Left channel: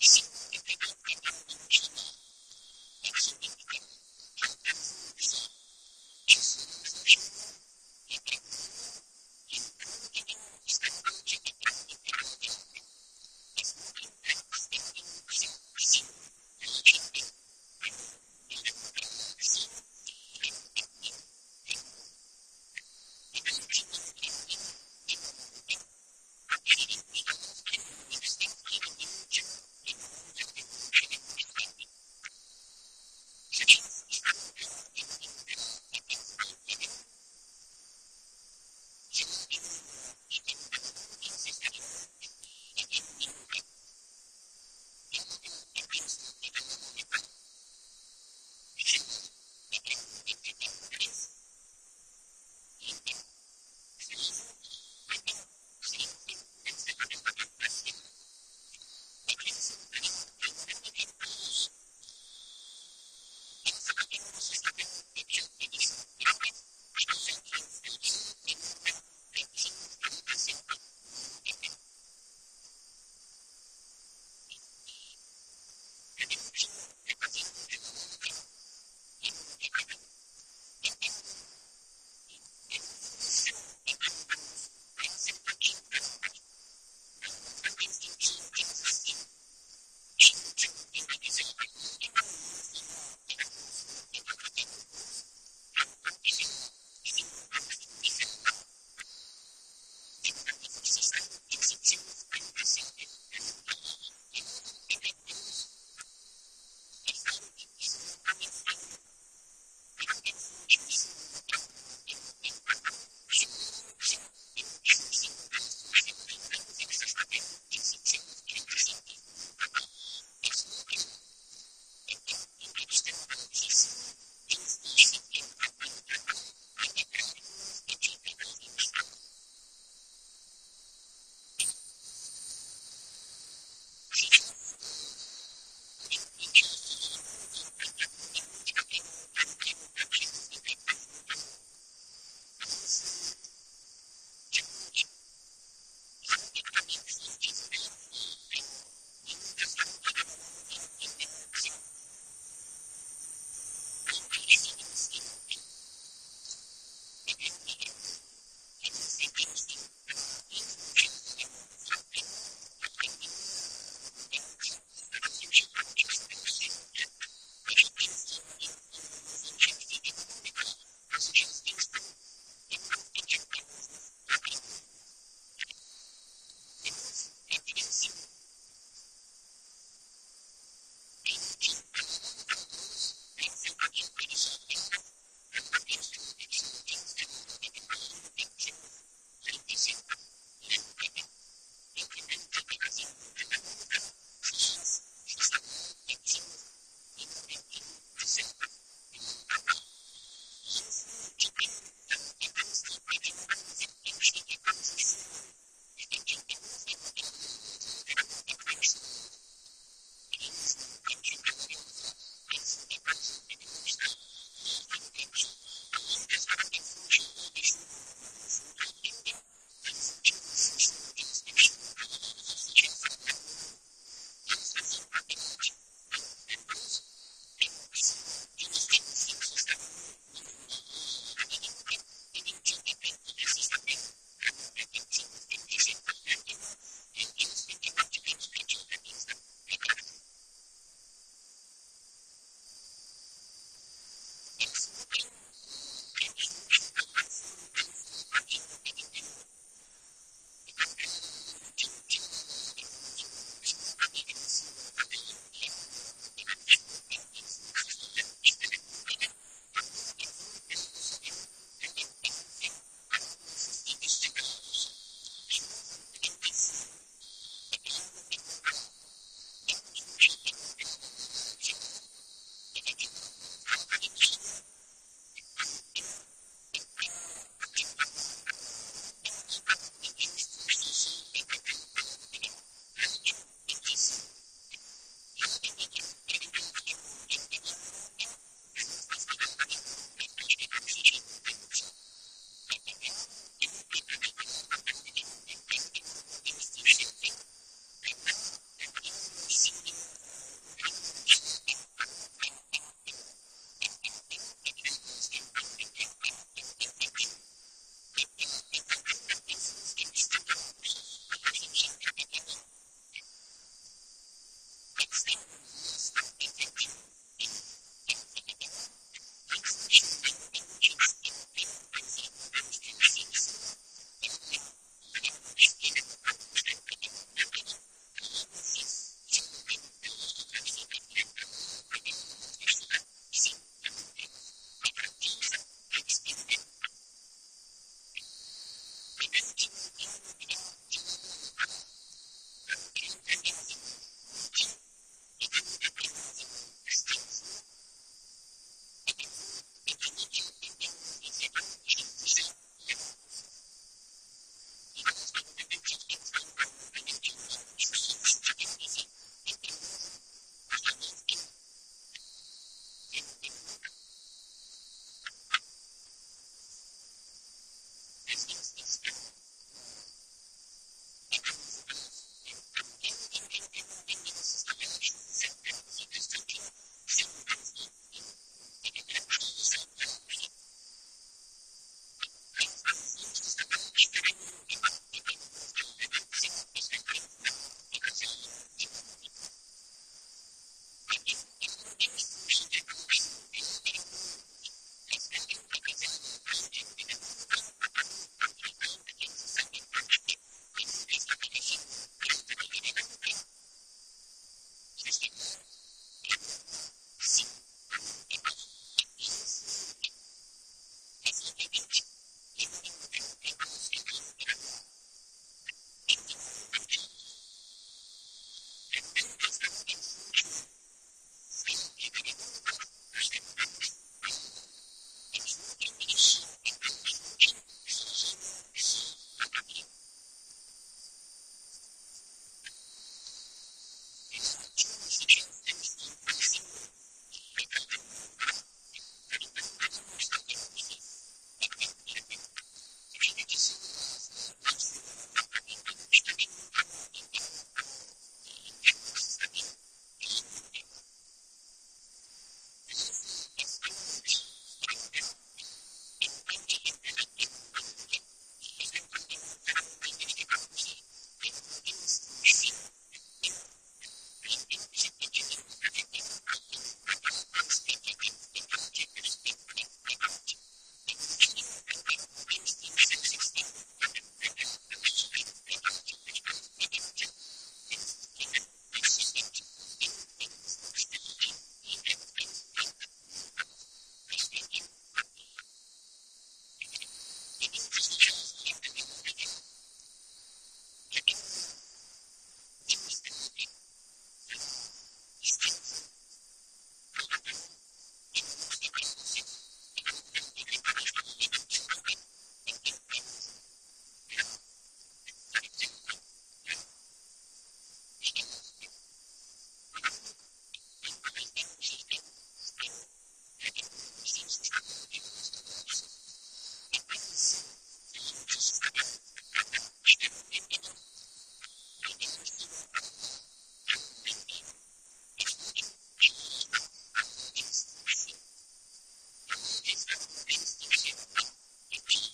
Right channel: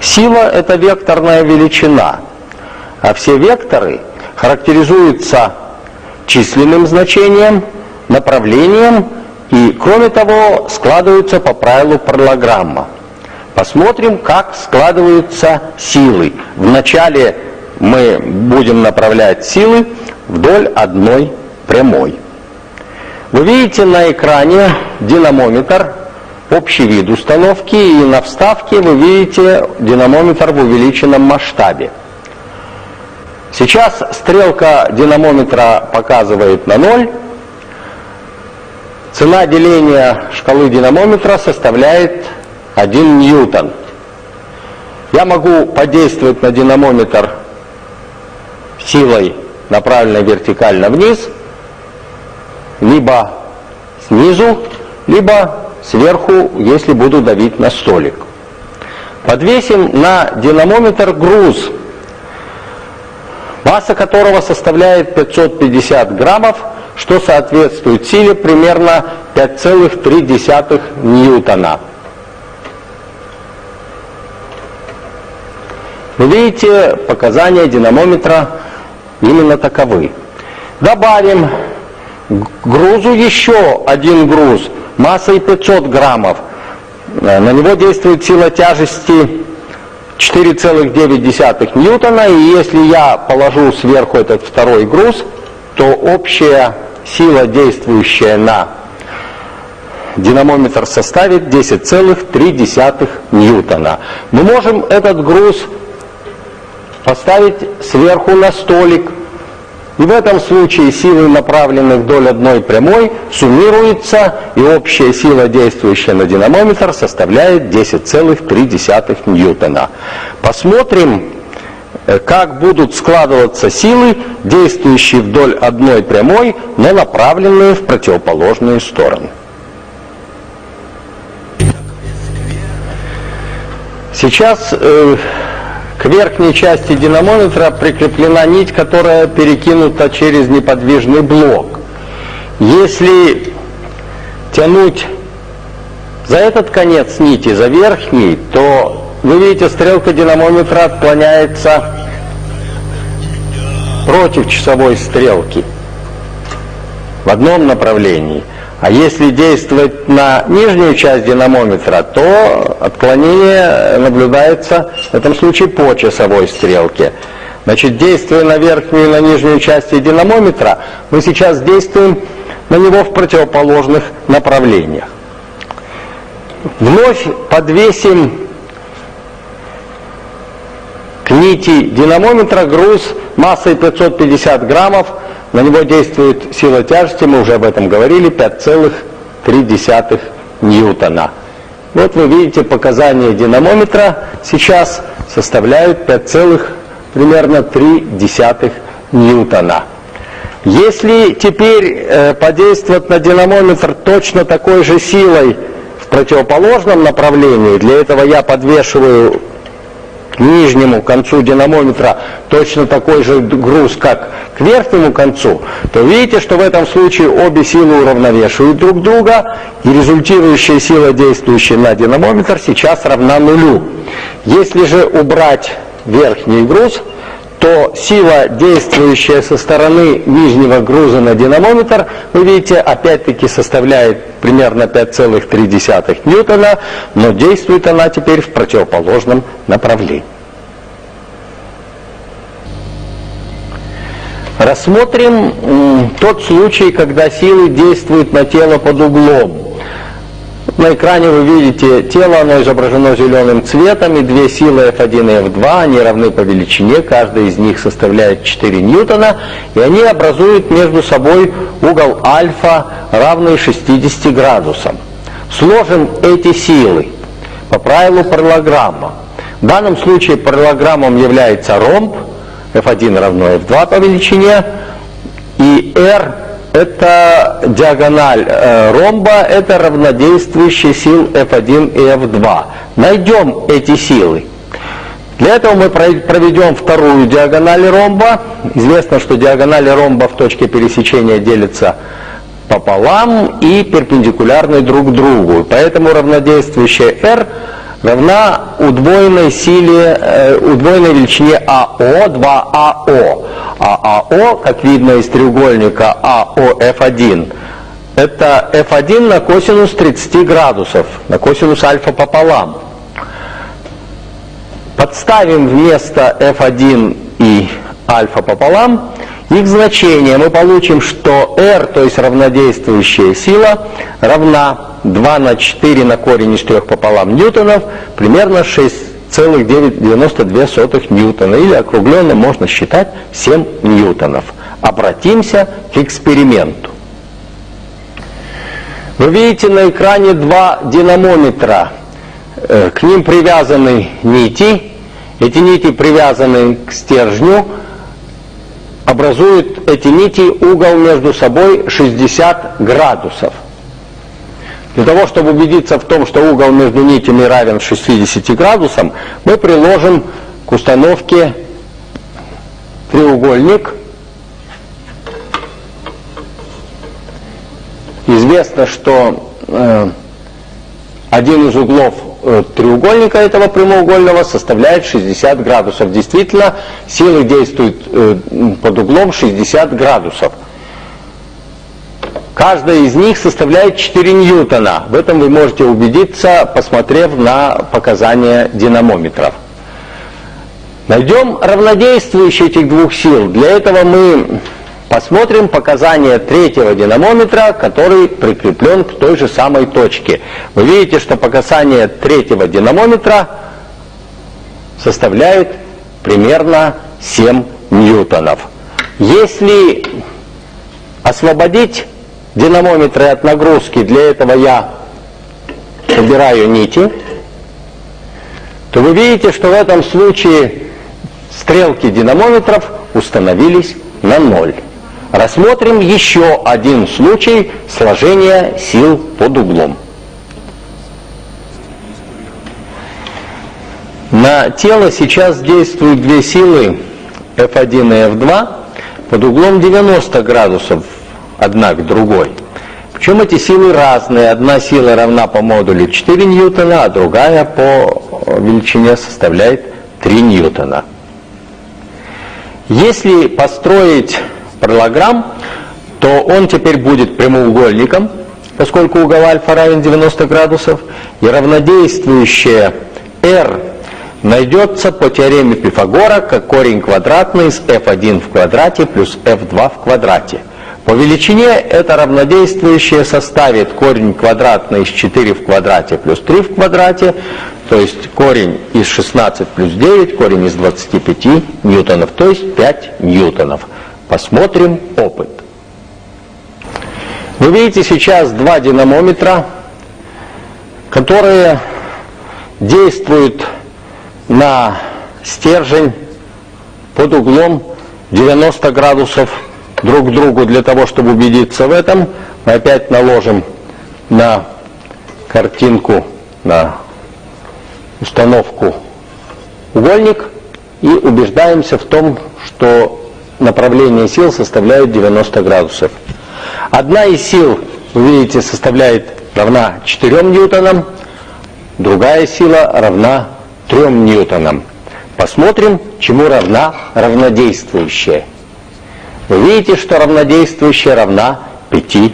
Сила – это векторная величина, а все векторы характеризуются численным значением, направлением и, кроме того, складываются по правилу параллограмма. Посмотрим, как складываются силы. Вначале мы будем направлять силы вдоль одной прямой. Вы видите на экране динамометр, общий вид установки, и на вставке вы видите динамометр в увеличенном масштабе. Сейчас стрелка динамометра показывает на 0. Цена деления шкалы динамометра составляет 1 ньютон. Я могу подействовать на динамометр силой, направленной вертикально вниз, либо снизу, либо сверху, если буду давить на столик. Подвесим на динамометр груз, масса которого составляет 550 граммов, что соответствует силе примерно 5,3 ньютона. Вы видите, показания динамометра именно таковы. Добавим к грузу еще один груз массой 500 граммов. На него действует сила тяжести 4,9 ньютона, и если я положу сверху этот второй груз, то общая сила, действующая на динамометр, составит 10,3 ньютона. Мы можем этот груз поставить сверху на столик, и в этом случае силы, направленные вдоль одной прямой, суммируются, и общая сила, действующая на динамометр, составляет 10,3 ньютона. Посмотрим, как будут складываться силы, действующие вдоль одной прямой, но направленные в противоположные стороны. Сейчас к верхней части динамометра прикреплена нить, которая перекинута через неподвижный блок. Если тянуть за этот конец нити, за верхний, то вы видите, стрелка динамометра отклоняется против часовой стрелки в одном направлении. А если действовать на нижнюю часть динамометра, то отклонение наблюдается в этом случае по часовой стрелке. Значит, действуя на верхнюю и на нижнюю части динамометра, мы сейчас действуем на него в противоположных направлениях. Вновь подвесим к нити динамометра груз массой 550 граммов. На него действует сила тяжести, мы уже об этом говорили, 5,3 ньютона. Вот вы видите, показания динамометра сейчас составляют 5,3 ньютона. Если теперь подействовать на динамометр точно такой же силой в противоположном направлении, для этого я подвешиваю к нижнему концу динамометра точно такой же груз, как к верхнему концу, то видите, что в этом случае обе силы уравновешивают друг друга, и результирующая сила, действующая на динамометр, сейчас равна нулю. Если же убрать верхний груз, то сила, действующая со стороны нижнего груза на динамометр, вы видите, опять-таки составляет примерно 5,3 ньютона, но действует она теперь в противоположном направлении. Рассмотрим тот случай, когда силы действуют на тело под углом. На экране вы видите тело, оно изображено зеленым цветом, и две силы F1 и F2, они равны по величине, каждая из них составляет 4 ньютона, и они образуют между собой угол альфа, равный 60 градусам. Сложим эти силы по правилу параллограмма. В данном случае параллограммом является ромб, F1 равно F2 по величине, и R это диагональ ромба, это равнодействующие сил F1 и F2. Найдем эти силы. Для этого мы проведем вторую диагональ ромба. Известно, что диагонали ромба в точке пересечения делятся пополам и перпендикулярны друг другу. Поэтому равнодействующая R равна удвоенной силе, удвоенной величине АО, 2АО. А АО, как видно из треугольника АОФ1, это F1 на косинус 30 градусов, на косинус альфа пополам. Подставим вместо F1 и альфа пополам их значение. Мы получим, что R, то есть равнодействующая сила, равна 2 на 4 на корень из 3 пополам ньютонов, примерно 6,92 ньютона, или округленно можно считать 7 ньютонов. Обратимся к эксперименту. Вы видите на экране два динамометра. К ним привязаны нити. Эти нити привязаны к стержню. Образуют эти нити угол между собой 60 градусов. Для того, чтобы убедиться в том, что угол между нитями равен 60 градусам, мы приложим к установке треугольник. Известно, что один из углов треугольника этого прямоугольного составляет 60 градусов. Действительно, силы действуют под углом 60 градусов. Каждая из них составляет 4 ньютона. В этом вы можете убедиться, посмотрев на показания динамометров. Найдем равнодействующие этих двух сил. Для этого мы посмотрим показания третьего динамометра, который прикреплен к той же самой точке. Вы видите, что показания третьего динамометра составляют примерно 7 ньютонов. Если освободить динамометры от нагрузки, для этого я убираю нити, то вы видите, что в этом случае стрелки динамометров установились на 0. Рассмотрим еще один случай сложения сил под углом. На тело сейчас действуют две силы F1 и F2 под углом 90 градусов одна к другой. Причем эти силы разные. Одна сила равна по модулю 4 ньютона, а другая по величине составляет 3 ньютона. Если построить параллелограмм, то он теперь будет прямоугольником, поскольку угол альфа равен 90 градусов, и равнодействующее R найдется по теореме Пифагора как корень квадратный из f1 в квадрате плюс f2 в квадрате. По величине это равнодействующее составит корень квадратный из 4 в квадрате плюс 3 в квадрате, то есть корень из 16 плюс 9, корень из 25 ньютонов, то есть 5 ньютонов. Посмотрим опыт. Вы видите сейчас два динамометра, которые действуют на стержень под углом 90 градусов друг к другу. Для того, чтобы убедиться в этом, мы опять наложим на картинку, на установку угольник и убеждаемся в том, что направление сил составляет 90 градусов. Одна из сил, вы видите, равна 4 ньютонам, другая сила равна 3 ньютонам. Посмотрим, чему равна равнодействующая. Вы видите, что равнодействующая равна 5